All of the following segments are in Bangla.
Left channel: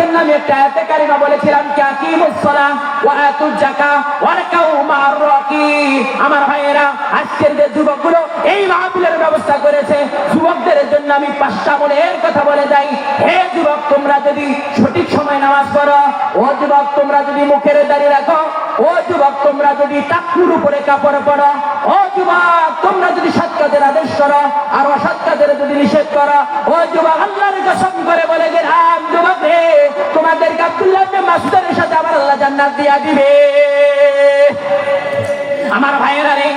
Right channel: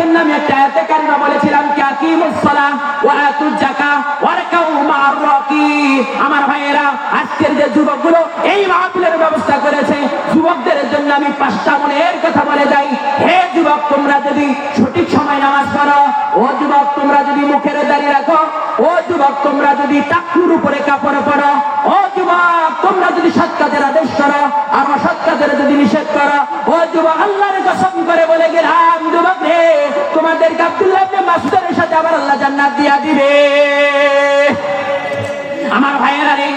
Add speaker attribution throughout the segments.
Speaker 1: জন্য আমি একটা আয়াতে কারিমা বলেছিলাম, কি আকিমুস সালাম ওয়া যাকাত ওয়া মা'আর আমার ভাইয়েরা, আজকের যে যুবকগুলো এই মাহফিলের ব্যবস্থা করেছে, যুবকদের জন্য আমি পাঁচটা মনের কথা বলে যাই। হে যুবক, তোমরা যদি সঠিক সময় নামাজ পড়ো, ও যুবক, তোমরা যদি মুখের দাঁড়িয়ে রাখো, ও যুবক, তোমরা যদি টাকুর উপরে কাপড় পড়ো ও যুবক তোমরা যদি সৎ আদেশ করো আর অসৎ যদি নিষেধ করো, ও যুবক, আল্লাহর কসম করে বলে গেলাম, যুবক আল্লাহ জান্নাত দিয়া দিবে। আমার ভাইয়েরা রে,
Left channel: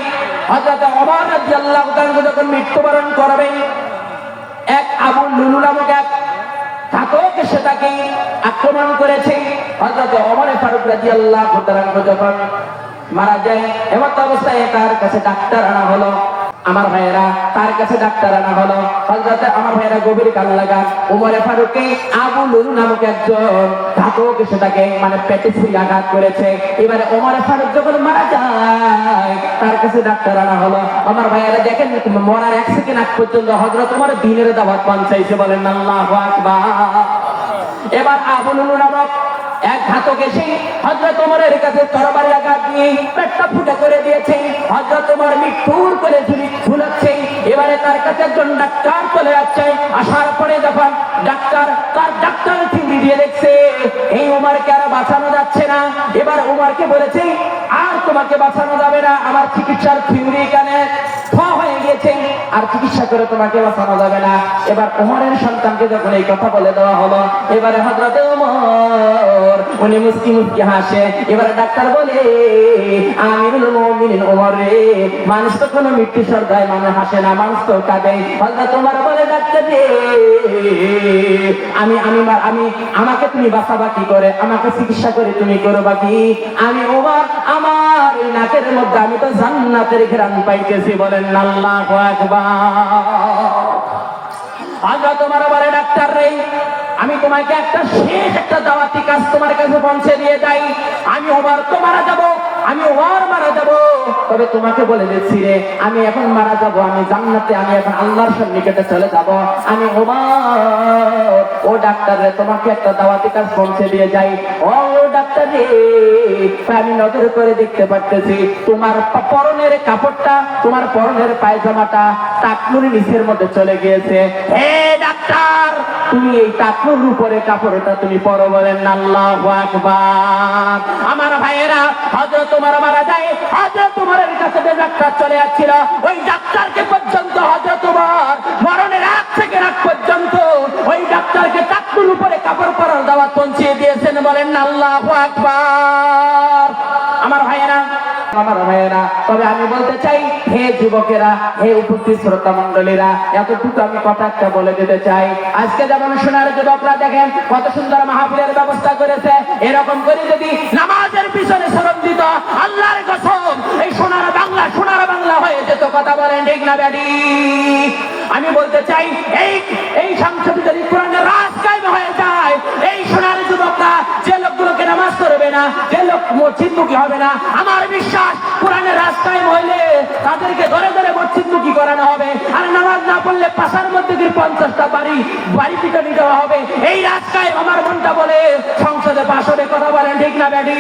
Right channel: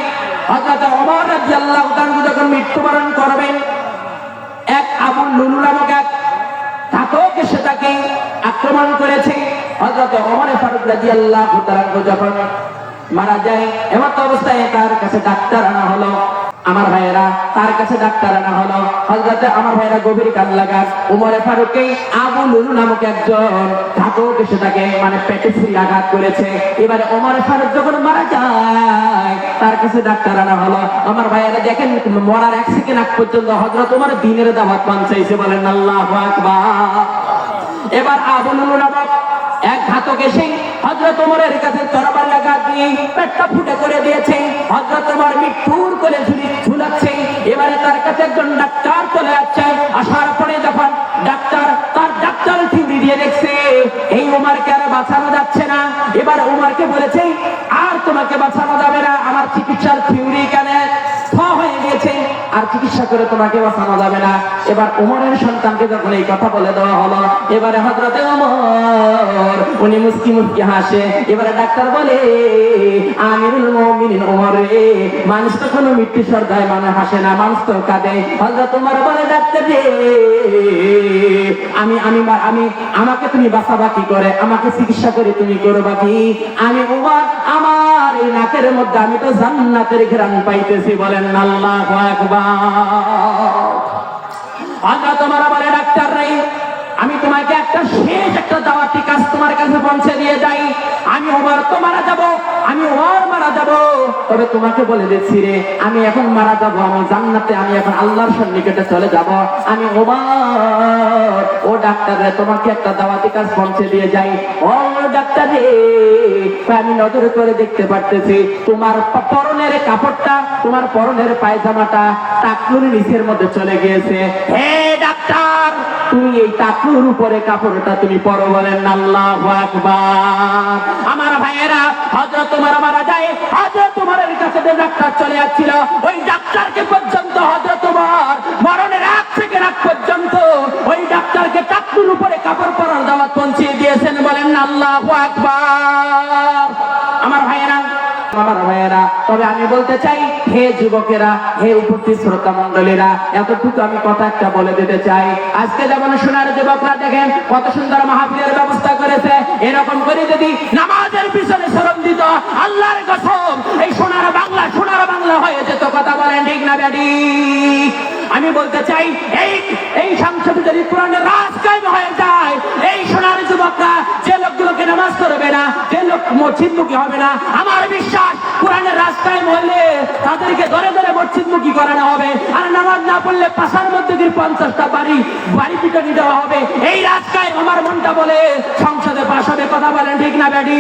Speaker 1: হযরত ওমর রাদিয়াল্লাহু যখন মৃত্যুবরণ করবেন এক আবু লুলু নামক এক ঘাতক এসে তাকে আক্রমণ করেছে। হযরত ওমর ফারুক রাদিয়াল্লাহু তাআলা যখন মারা যায়। এমন অবস্থায় তার কাছে ডাক্তার আনা হলো। আমার ভাইয়েরা, তার কাছে ডাক্তার আনা হলো। হযরত আমার ভাইয়েরা গভীর কান লাগা। উমরে ফারুককে আবু লুলু নামক একজন ঘাতক এসে তাকে মানে পেটে ছুরি আঘাত করেছে। এবারে ওমরে ফারুক যখন মারা যায়, তার কাছে ডাক্তার আনা হলো। আমার ভাইয়েরা, দেখেন, মরার এক সেকেন্ড আগ পর্যন্ত হযরত ওমর দিনের দাওয়াত পৌঁছাইছে বলেন আল্লাহু আকবার। এবার আবু লুলু নামক এক ঘাতক এসে হজরত ওমরের কাছে তরবারি আঘাত দিয়ে পেটটা ফুটে করে দিয়েছে। হজরত ওমর মৃত্যুর করে ঝুলি ঝুলাচ্ছে। এবারে তার কাছে একজন ডাক্তার চলে যাচ্ছে। আসার পরে যখন ডাক্তার তার ডাক্তার থিঙ্গি দিয়ে দেখছে, এই উমারকে আর বাঁচানো যাচ্ছে না। এবার উমারকে বলেছে, আর তোমাকে বাঁচানো যাবে না। আমার চিকিৎসার থিওরি কানে? আর চিকিৎসা করে তোমাকে বাঁচানো যাবে না। এবার ওমরের সন্তানকে যখন এই কথা বলে দেওয়া হলো, এবারে হজরতে ওমর, উনি মুস্কি মুস্কি হাসে। এবারে ডাক্তার বলে, আমিরুল মুমিনিন ওমর, মানুষ তো কোনো মৃত্যু সর্দায় মানে হাসে না, মানুষ তো কাঁদে। হজরত ওমর বলে, ডাক্তার আমি আমি আমি, আমাকে তুমি বাঁচাবা কি করে? আমাকে চিকিৎসা করে তুমি করবা কি? আমি, ওমর, আমার এই নাকের মধ্যে, আমি তো জান্নাতের ঘ্রাণ পাইতেছি, বলেন আল্লাহ আকবার। তোমার বলে ডাক্তার রে আমি তোমাকে একটা শেষ একটা দাওয়াতি কাজ তোমার কাছে পৌঁছে দিয়ে যাই। আমি আমার তোমারা যাব, আমি ওর তবে তোমাকে বলে দিচ্ছি রে, আমি এখন মারা যাব, আমি জান্নাতে, আমি এখন আল্লাহর সন্নিকটে চলে যাব। আমি ওমর ও ডাক্তার রে, তোমাকে একটা দাওয়াতি কাজ পৌঁছে দিয়ে যাই। ও ডাক্তার রে, আমি নজর করে দেখতে পারতেছি, তোমার পরনের কাপড়টা, তোমার পরনের পায়জামাটা টাকনুর নিচের মধ্যে চলে গিয়েছে। হে ডাক্তার, তুমি এই টাকনুর উপরে কাপড়টা তুমি পরো বলেন আল্লাহু আকবার। আমার ভাইয়েরা হযরত তোমার মারা যায় হযরত তোমারের কাছে যে ডাক্তার চলে যাচ্ছিল ওই ডাক্তারকে পর্যন্ত হযরত তোমার মরণের এক থেকে রাত পর্যন্ত ওই ডাক্তারকে টাকনুর উপরে কাপড় পরার দাওয়াত পৌঁছিয়ে দিয়েছেন, বলেন আল্লাহু আকবার। আমার ভাইয়েরা আমার ভাইয়েরা, তবে আমি বলতে চাই, হে যুবকেরা, হে উপস্থিত শ্রোতা মন্ডলীরা এতটুকু আমি কথা একটা বলে দিতে চাই। আজকে যেমন সোনার যুবকরা দেখেন, কত সুন্দর মাহফিলের ব্যবস্থা করেছে, এরকম করে যদি নামাজের পিছনে আল্লাহর কসম, এই সোনার বাংলা সোনার বাংলা হয়ে যেত কথা বলেন, ঠিক না ব্যাডি? আমি বলতে চাই, এই এই সংসদ যদি কোরআনের রাজ কায়েম হয়ে যায়। এই সোনার যুবকরা যে লোকগুলোকে নামাজ করবে না, যে লোক মসজিদমুখী হবে না, আমার বিশ্বাস কোরআনের রাস্তায় হইলে তাদেরকে ধরে ধরে মসজিদমুখী করানো হবে। আর নামাজ না পড়লে পাশার মধ্যে দিয়ে পঞ্চাশটা বাড়ি বাড়ি পিটনি দেওয়া হবে। এই রাস্তায় আমার মনটা বলে সংসদে পাশ হবে, কথা বলেন, ঠিক না ব্যাডি?